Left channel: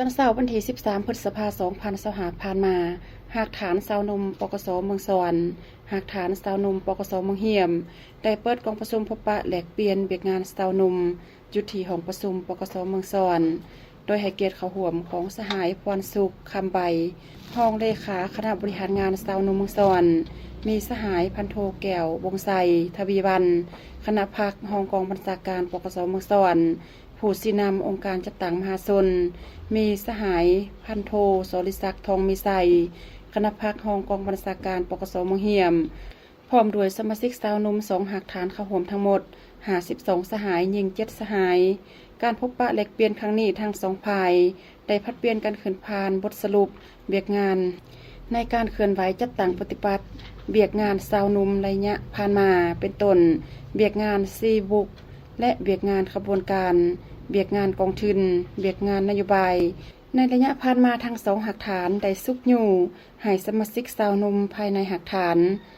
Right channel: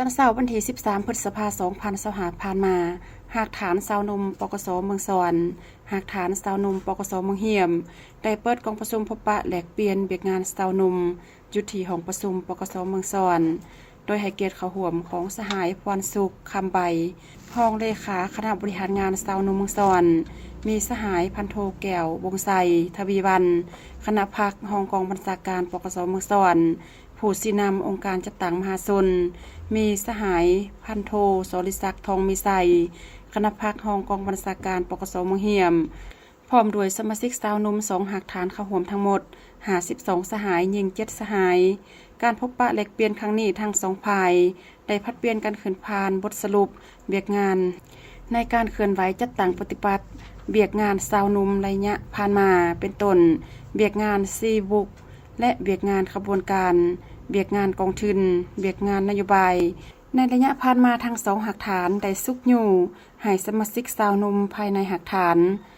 ตั้งเช้าวันที่13 พฤษภาคม 2025ผ่านมาหากฐานสาวนมปกสเมืองสวรรค์หากฐานสาวนมปกสเมืองเหี่ยมได้เปิดกองประชุมพบปะแลกเปลี่ยนเบียกงานสาวนมยุติห้องประชุมปกสเมืองสวรรค์โดยให้เกียรติเข้าร่วมของสหายพรสุขคำใบรองเลขาคณะบริหารงานสาวนมเมืองสวรรค์มีสหายพันโทแก้ววงไสทวีวันคณะพักรองกองบัญชาการปกสเมืองสวรรค์ผู้สินำองค์การจัดตั้งมหาชนมีสหายพันโทโสริศักดิ์ทองมีไสคณะพักรองกองบัญชาการปกสเมืองเหี่ยมพร้อมด้วยสมาชิกสาวนม2หักฐานเข้าร่วมทั้งหมด52สหายยิง7สหายการพบปะแลกเปลี่ยนครั้งนี้ทั้งสองฝ่ายได้พัดเปลี่ยนกันขึ้นผ่านบทสรุปเบียกงานในการเคลื่อนไหวจัดตั้งปฏิบัติเบียกงานสาวนมระยะผ่านมาเป็นต้นเบียกงานซีบุกและเบียกงานขบวนการเบียกงานกองทุนเบียกงานนโยบายในระยะผ่านมาทั้งสองหักฐานได้ซุกอยู่ให้สมาชิกสาวนมภายในหักฐาน